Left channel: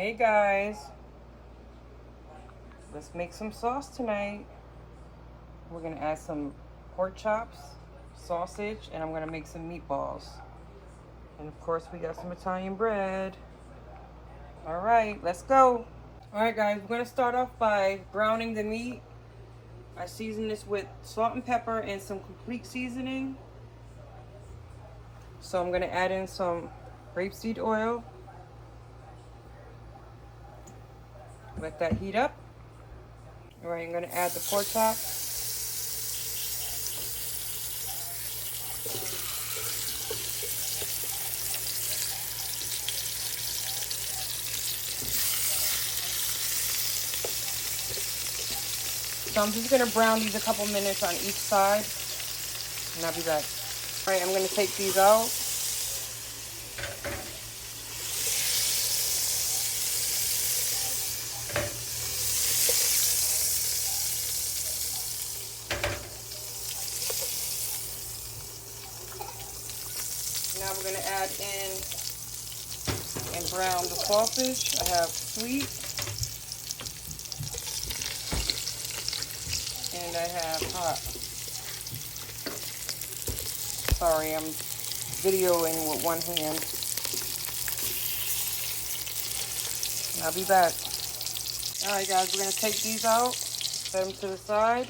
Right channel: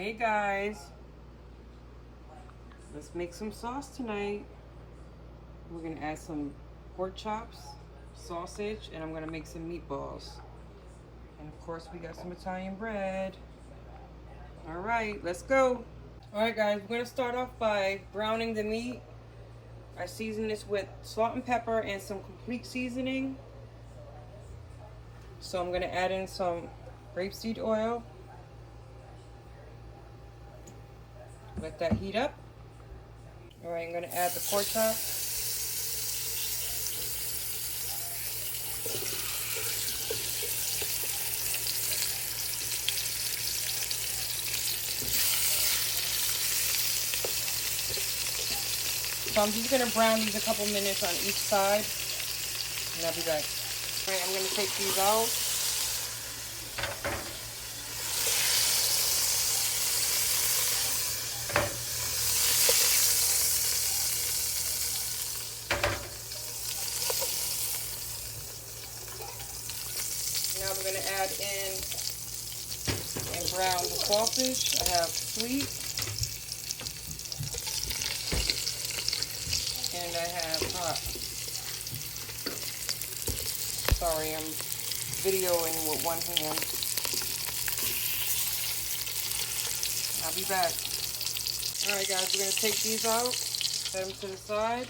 Hey guys, let's make some sauce tonight. We're gonna add some pork chops, sausage, and I'm gonna make some meatballs. And of course we got some Italian bread. All right, let's go. All right guys, we're gonna start off by browning the meat. I season this with salt and pepper and some complete seasoning. So I'm gonna add in some rapeseed oil. Let that heat up. All right, I'm gonna add the pork chop. So I'm just gonna brown these a couple minutes on each side, and I'll be back. All right, I'm gonna take these out. Now we're gonna add in and brown the sausage. I have sweet, and I have hot. Sorry, I'm videoing with one hand. I'll be back. All right, guys, we're gonna take these out, set them to the side.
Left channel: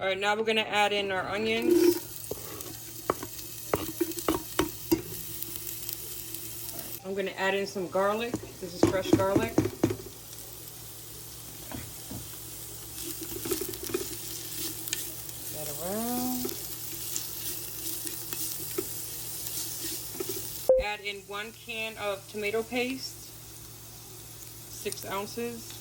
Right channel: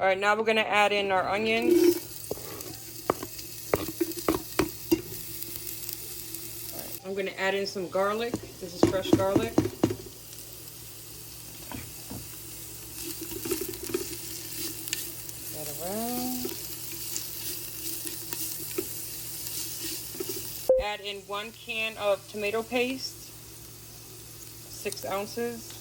All right, now we're gonna add in our onions. I'm gonna add in some garlic. This is fresh garlic. That around. Add in 1 can of tomato paste, 6 ounces.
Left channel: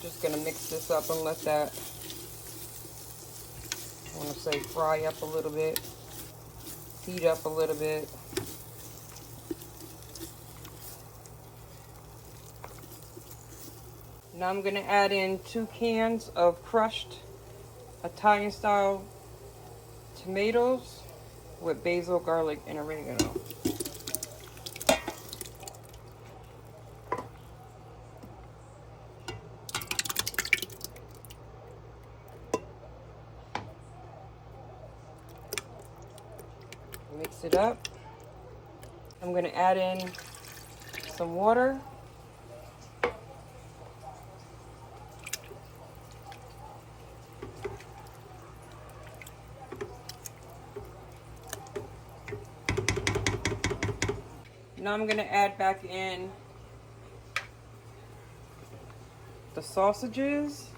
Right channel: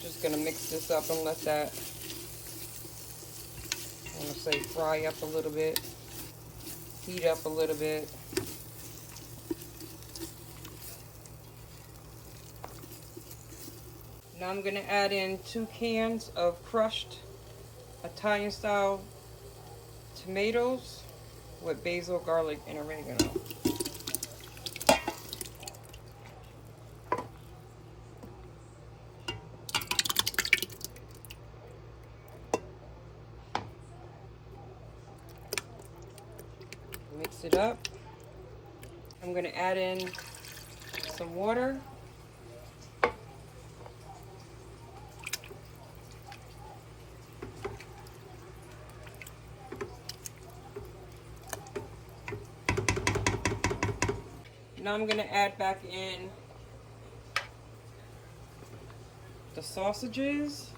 Just gonna mix this up and let that, I want to say, fry up a little bit, heat up a little bit. Now I'm gonna add in 2 cans of crushed Italian style tomatoes with basil, garlic, and oregano. Mix it up. I'm going to add in some water. Now I'm going to add back in the sausages.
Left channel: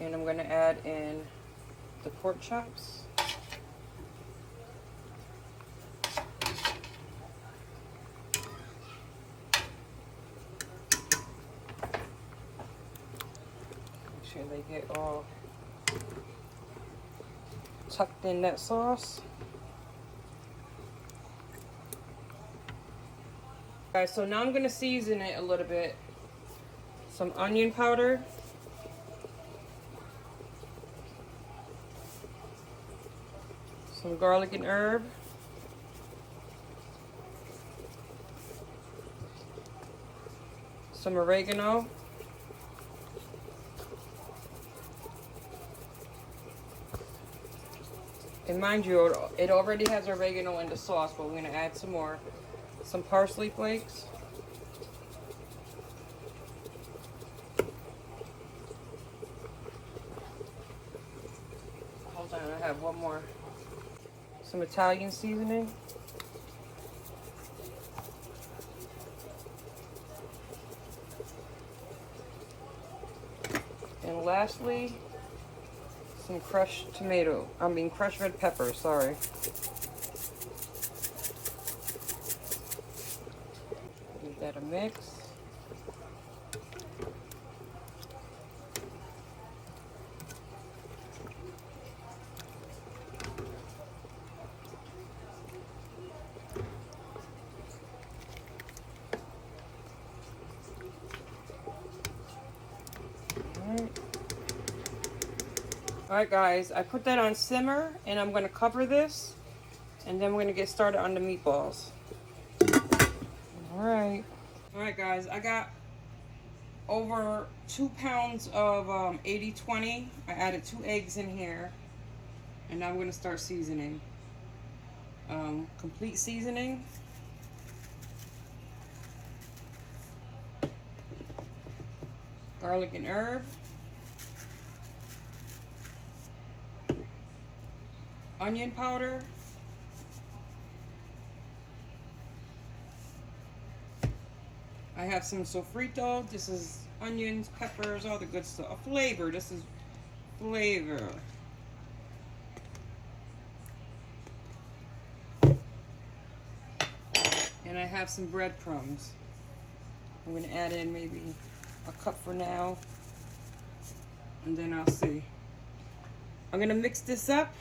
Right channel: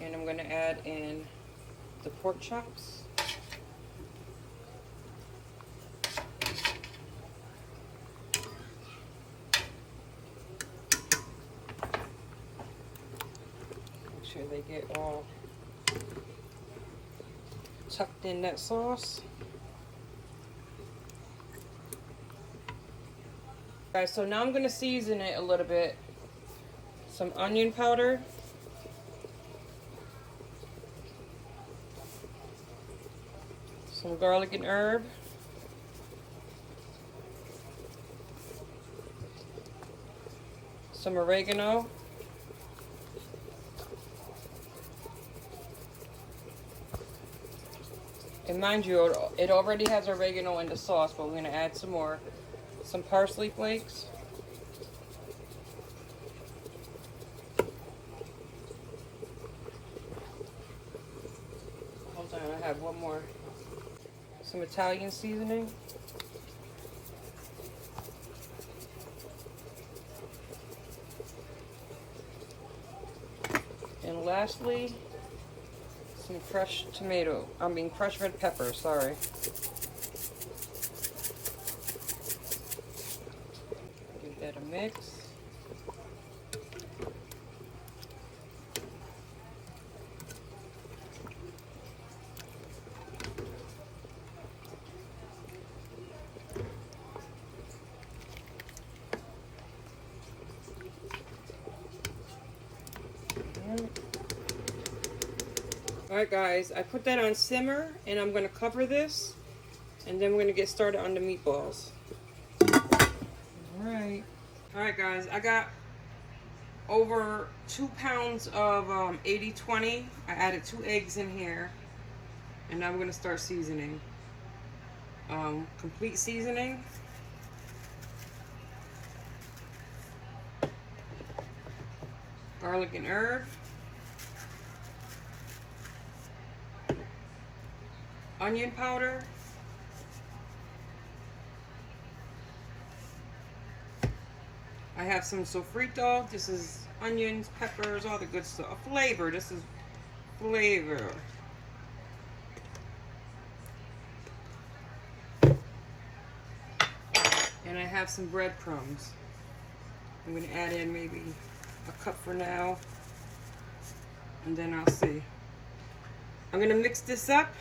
And I'm going to add in the pork chops. Make sure they get all tucked in that sauce. Alright, so now I'm going to season it a little bit. Some onion powder. Some garlic and herb. Some oregano. And mind you, it already has oregano in the sauce, but we're going to add some more. Some parsley flakes. Hold on, I have one more. Some Italian seasoning. And lastly, some some crushed tomato. Crushed red pepper, sorry. Give that a mix. Alright guys, I put that on simmer and I'm going to cover this and then we're going to get started on the meatballs. Alright guys, I got over 2 pounds of 80/20. I added 2 eggs in here and now I'm going to start seasoning. Complete seasoning. Garlic and herb. Onion powder. I have some sofrito. This is onions, peppers, all the good stuff. Flavor. This is flavor. And I have some breadcrumbs. I'm going to add in maybe a cup for now. And then I'll see. I'm going to mix this up.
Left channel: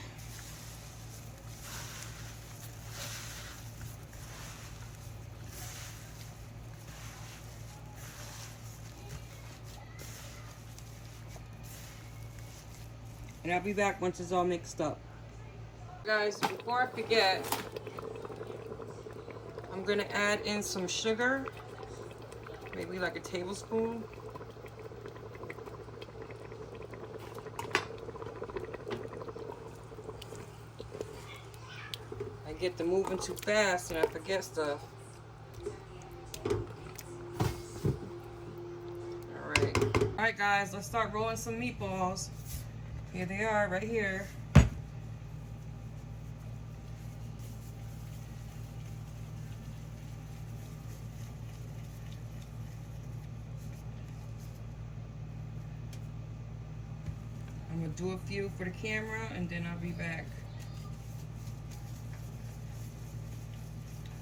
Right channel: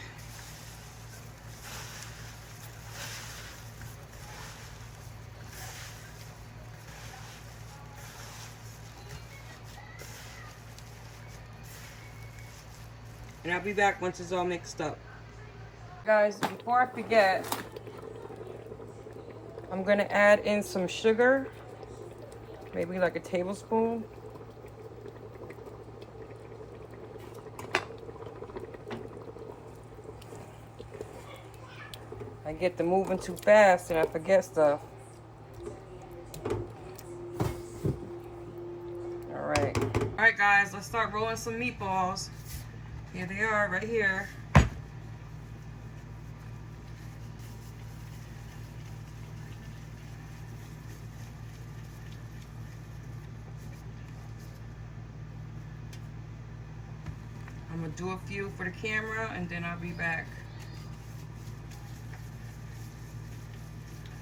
And I'll be back once it's all mixed up. Guys, before I forget, I'm gonna add in some sugar, maybe like a tablespoon. I get to moving too fast and I forget stuff. Alright guys, let's start rolling some meatballs. Here they are, right here. I'm gonna do a few for the camera and then I'll be back.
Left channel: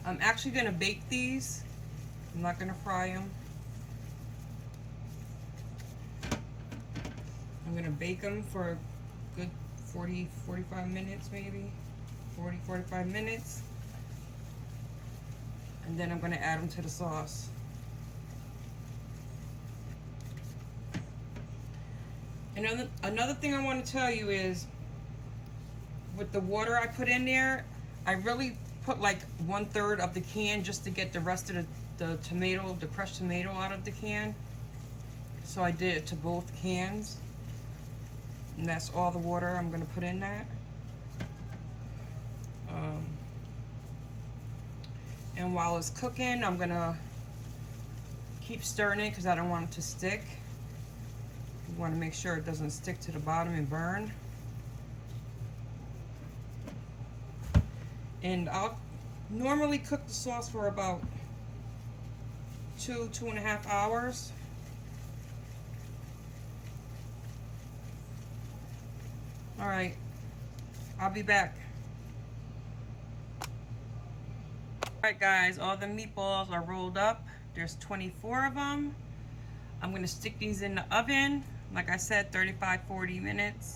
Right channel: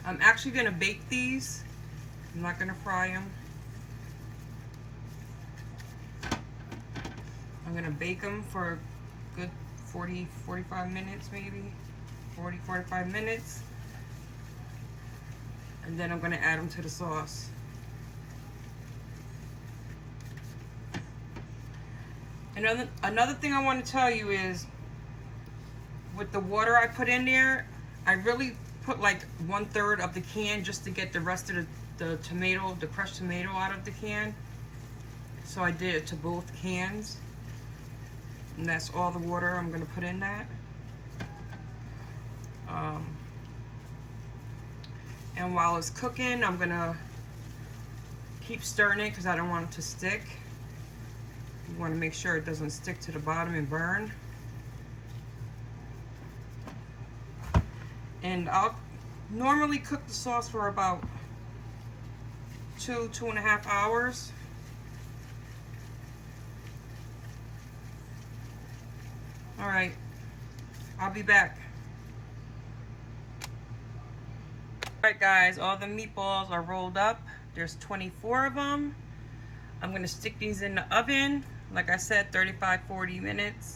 I'm actually gonna bake these. I'm not gonna fry them. I'm gonna bake them for a good 40-45 minutes, maybe 40-45 minutes, and then I'm gonna add them to the sauce. Another thing I want to tell you is, with the water I put in there, I really put like 1/3 of the can just to get the rest of the tomato, the crushed tomato out of the can. So I did it to both cans. And that's all the water I'm going to put in that. And while it's cooking, I'm going to keep stirring it because I don't want it to stick. You want to make sure it doesn't stick to the bottom and burn. And I'll normally cook the sauce for about 2.5 hours. All right, I'll be back. All right guys, all the meatballs are rolled up. There's 24 of them. I'm gonna stick these in the oven, like I said, 35-40 minutes.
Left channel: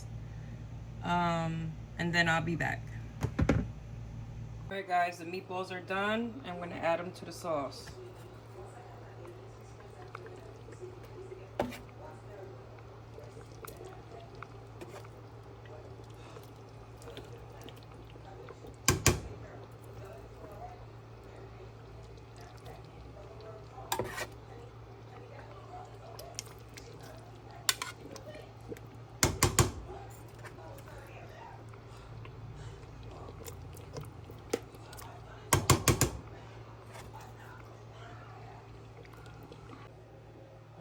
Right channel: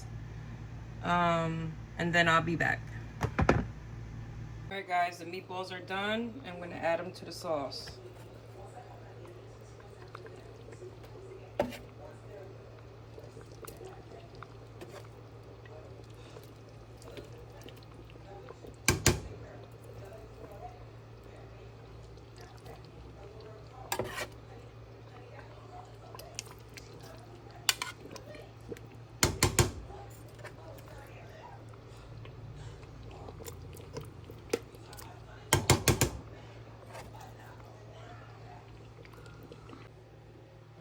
And then I'll be back. All right guys, the meatballs are done. I'm gonna add them to the sauce.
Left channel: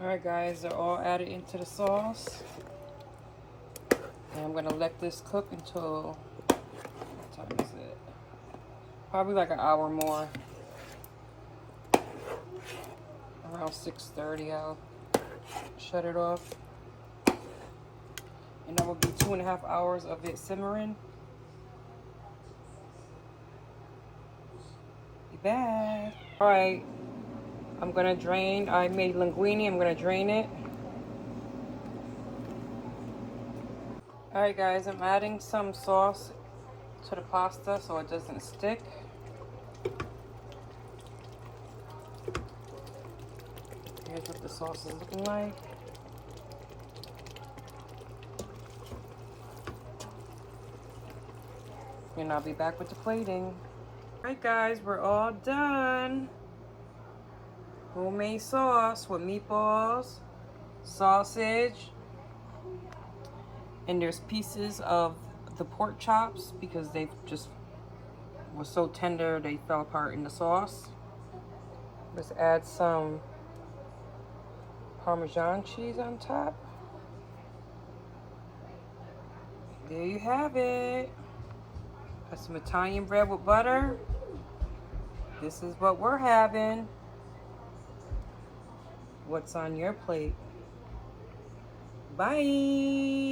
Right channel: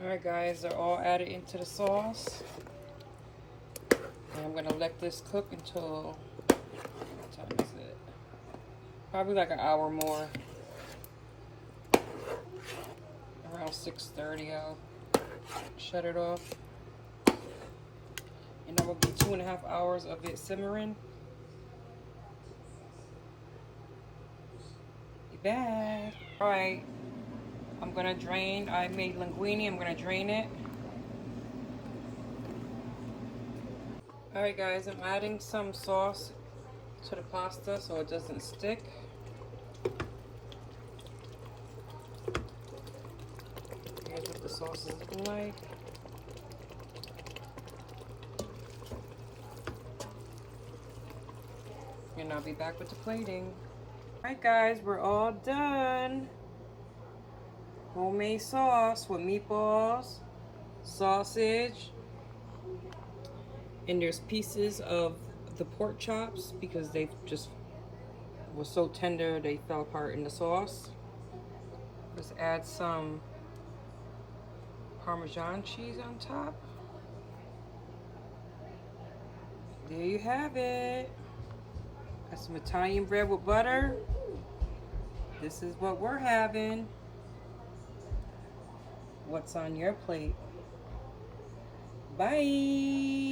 Alright guys, they're all added into the sauce. And I'm gonna let this cook until, what time is it? Probably like an hour more. Around 6:30 I'll shut it off. And that will be 2.5 hours of it simmering. Be back. All right, I'm gonna drain. I made linguine. I'm gonna drain it. All right, guys, I'm adding some sauce to the pasta so it doesn't stick. Here's what the sauce is looking like. And I'll be back with the plating. All right, guys, we're all done. Homemade sauce with meatballs, sausage, and there's pieces of the pork chops because they just were so tender they fell apart in the sauce. Let's add some Parmesan cheese on top. There you have it. Got some Italian bread with butter. This is what we're having. What's on your plate? Bye.